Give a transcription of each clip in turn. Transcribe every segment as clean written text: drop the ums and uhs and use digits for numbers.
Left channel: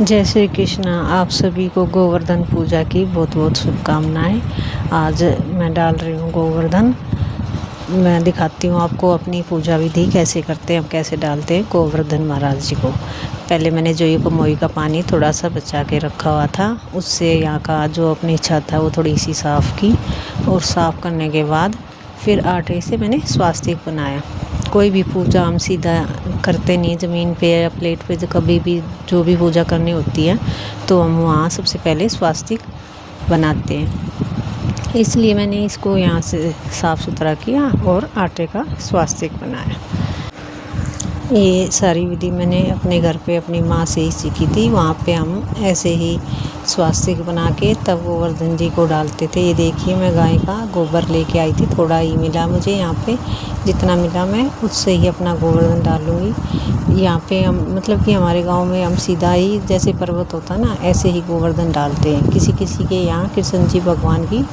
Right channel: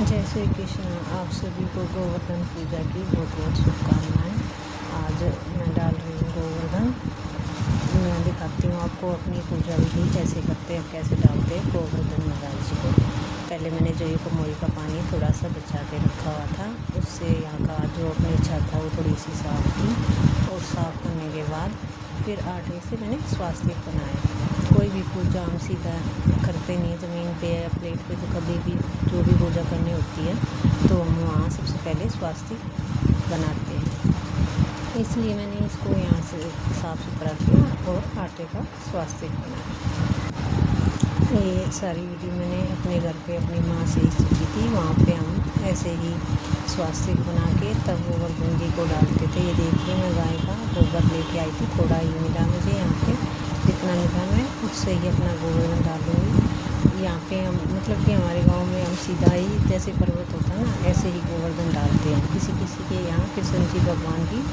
जय श्री कृष्णा। आप सभी को गोवर्धन पूजा की बहुत बहुत शुभकामनाएं। आज मैं डाल रही हूँ गोवर्धन। मैं दिखाती हूँ आपको अपनी पूजा विधि कैसे करते हैं, हम कैसे डालते हैं गोवर्धन महाराज जी को। पहले मैंने जो ये कमोई का पानी थोड़ा सा बचा के रखा हुआ था, उससे यहाँ का जो अपनी छत है वो थोड़ी सी साफ़ की, और साफ़ करने के बाद फिर आटे से मैंने स्वास्तिक बनाया। कोई भी पूजा हम सीधा करते नहीं ज़मीन पे या प्लेट पे। कभी भी जो भी पूजा करनी होती है तो हम वहाँ सबसे पहले स्वास्तिक बनाते हैं। इसलिए मैंने इसको यहाँ से साफ़ सुथरा किया और आटे का स्वास्तिक बनाया। ये सारी विधि मैंने अपने घर पे अपनी माँ से ही सीखी थी। वहाँ पे हम ऐसे ही स्वास्तिक बना के तब गोवर्धन जी को डालते थे। ये देखिए, मैं गाय का गोबर लेके आई थी, थोड़ा ही मिला मुझे यहाँ पे। जितना मिला मैं उससे ही अपना गोवर्धन डालूँगी। यहाँ पे हम मतलब कि हमारे गांव में हम सीधा ही जैसे पर्वत होता ना, ऐसे ही गोवर्धन डालते हैं। किसी किसी के यहाँ कृष्ण जी भगवान की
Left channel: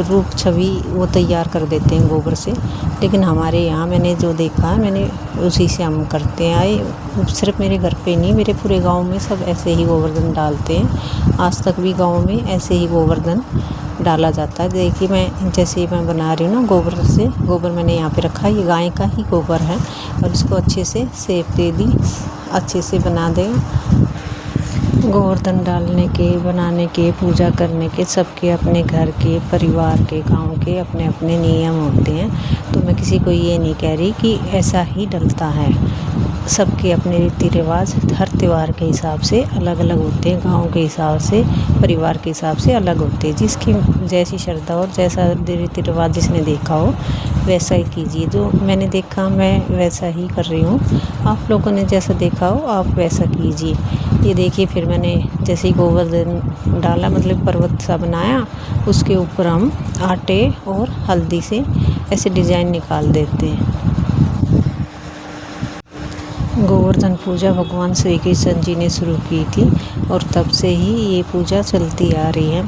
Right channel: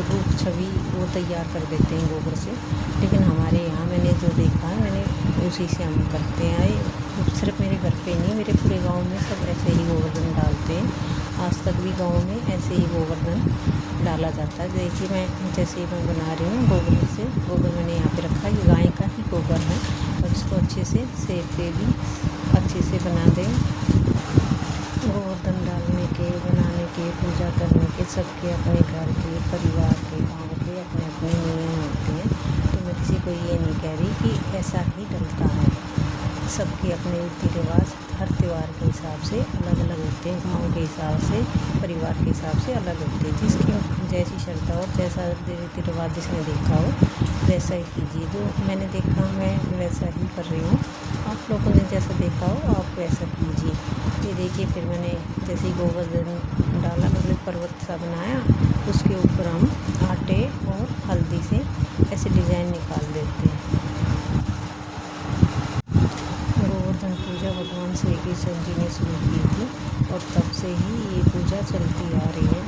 रूप छवि वो तैयार कर देते हैं गोबर से, लेकिन हमारे यहाँ मैंने जो देखा है मैंने उसी से हम करते आए। सिर्फ मेरे घर पे नहीं, मेरे पूरे गांव में सब ऐसे ही गोवर्धन डालते हैं। आज तक भी गांव में ऐसे ही गोवर्धन डाला जाता है। देखिए, मैं जैसे मैं बना रही हूँ ना, गोबर से गोबर मैंने यहाँ पे रखा है, ये गाय का ही गोबर है, और इसको अच्छे से सेक दे दी, अच्छे से बना दें। गोवर्धन डालने के, बनाने के, पूजा करने के सबके अपने घर के, परिवार के, गांव के अपने अपने नियम होते हैं। तो मैं किसी को ये नहीं कह रही कि ऐसा ही डलता है। सबके अपने रीति रिवाज हर त्यौहार के हिसाब से अलग अलग होते हैं, गांव के हिसाब से, परिवार के हिसाब से अलग होते हैं। जिसकी जैसी श्रद्धा और जैसा रीति रिवाज जिसने देखा हो वैसा ही कीजिए। जो मैंने देखा मैं वैसा ही कर रही हूँ। आप लोगों ने जैसा देखा हो आप वैसा कीजिए। ये देखिए, फिर मैंने जैसे ही गोवर्धन डाला, मतलब पर्वत सा बनाया, उसके ऊपर हम आटे और हल्दी से ऐसे डिज़ाइन निकाल देते हैं। गोवर्धन पूजा भगवान श्री कृष्ण जी ने शुरू की थी, और तब से ही ये पूजा चलती आ रही है।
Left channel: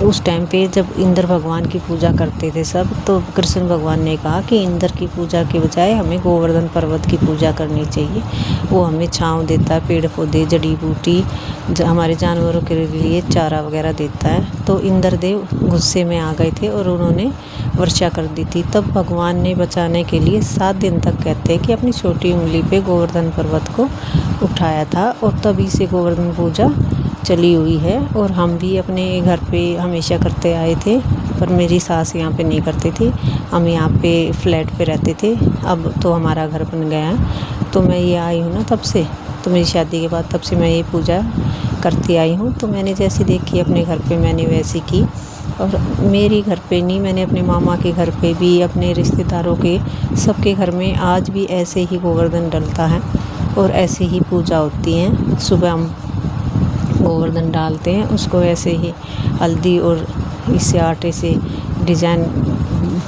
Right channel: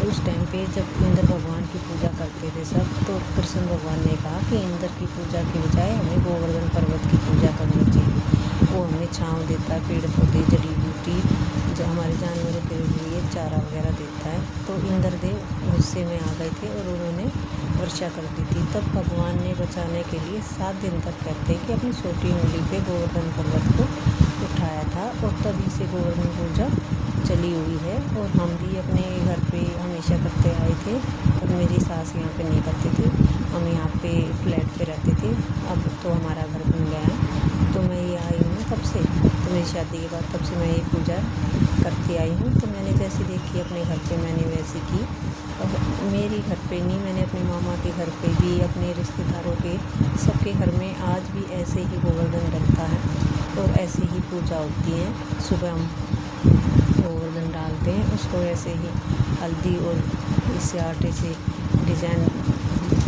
उस टाइम पे जब इंद्र भगवान की पूजा करते थे सब, तो कृष्ण भगवान ने कहा कि इंद्र की पूजा के बजाय हमें गोवर्धन पर्वत की पूजा करनी चाहिए। वो हमें छांव देता है, पेड़ पौधे, जड़ी बूटी, हमारे जानवरों के लिए चारा वगैरह देता है। तो इंद्र देव गुस्से में आ गए थे और उन्होंने वर्षा कर दी थी। तब भगवान ने बचाने के लिए 7 दिन तक, कहते हैं कि अपनी छोटी उंगली पे गोवर्धन पर्वत को उठाया था, और तभी से गोवर्धन पूजा चली हुई है। और हम भी अपने घर पे हमेशा करते आए थे, पर मेरी सास यहाँ पे नहीं करती थी। हम यहाँ पे फ्लैट पे रहते थे, अब तो हमारा घर बन गया है। तो मैं ये आई हूँ ना तब से, तो मेरी शादी के बाद तब से मैं ये पूजा करती आई हूँ। तो मैंने जैसी देखी अपने घर पे मैंने वैसी की। और मेरे घर पे नहीं, मैंने अपने मामा के घर पे भी, अपने रिश्तेदारों के, सबके घर में आज भी ऐसे ही गोवर्धन डलता है और ऐसे ही पूजा होती है। सुबह हम गोवर्धन डालते हैं, उसको ऐसे ही हल्दी और इससे आटे से डिज़ाइन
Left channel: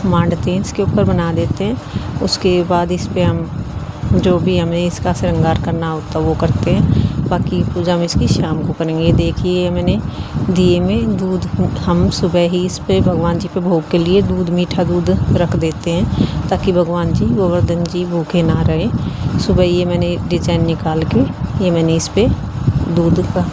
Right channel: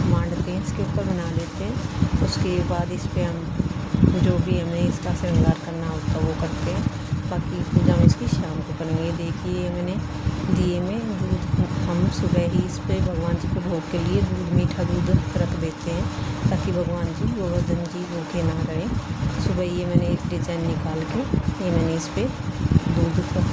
मांडते हैं, इसके ऊपर बना देते हैं। उसके बाद इस पे हम जो भी हमें इसका श्रृंगार करना होता है वो करते हैं। बाकी पूजा में इसकी शाम को करेंगे। ये देखिए, मैंने दिए में दूध, हम सुबह ही इस पे भगवान जी पे भोग के लिए दूध, मीठा दूध रख देते हैं, ताकि भगवान जी, गोवर्धन जी भूखे ना रहे। सुबह ये मैंने डिज़ाइन निकाल के ये मैंने इस पे दूध का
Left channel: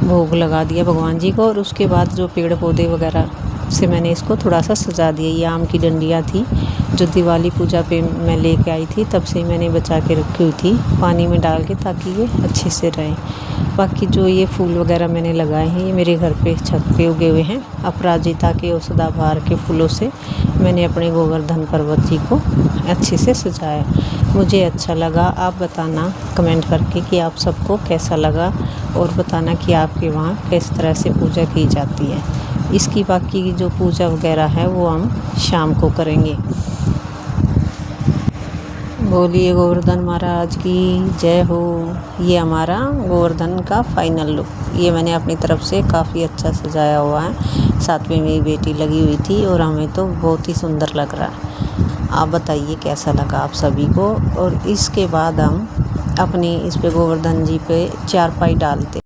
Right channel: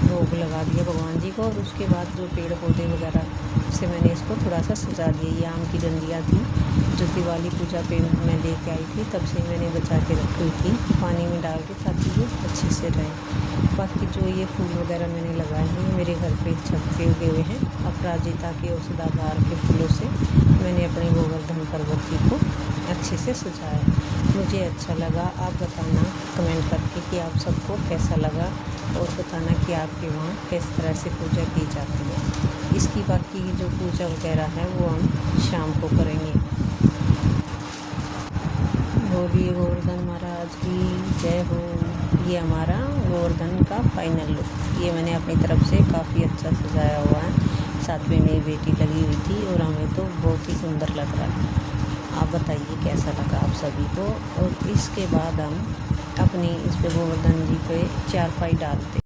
भोग लगा दिया भगवान जी को। और उसके बाद जो पेड़ पौधे वगैरह से मैंने इसको थोड़ा सा सजा दिया। ये आम की डंडियाँ थी जो दिवाली पूजा पे मैं लेके आई थी, तब से मैंने बचा के रखी हुई थी पानी में डाल के, ताकि ये अच्छे से रहें। बाकी जो ये फूल वगैरह मैंने लगाए हैं, ये मेरे घर पे छत पे उगे हुए हैं। अपराजिता के और सदाबहार के फूलों से मैंने अपने गोवर्धन पर्वत जी को अच्छे से सजाया। मुझे अच्छा लगा। आप बताना कमेंट करके कि आप सबको कैसा लगा, और बताना कि आपके वहाँ किस तरह से पूजा की जाती है। इसकी बाकी की जो पूजा वगैरह है वो हम शाम को करेंगे। बोलिए गोवर्धन महाराज की जय हो। ये हमारा गोवर्धन का फाइनल लुक, ये मैंने अपनी तरफ से काफ़ी अच्छा सजाया हुआ है। साथ में मेरी बेटी लगी हुई थी, और हमें तो बहुत ही सुंदर लग रहा है। आप बताइए कैसा लगा आप सभी को। और इसके बाद हम अपनी इस पे गोवर्धन जी पे चारपाई डालते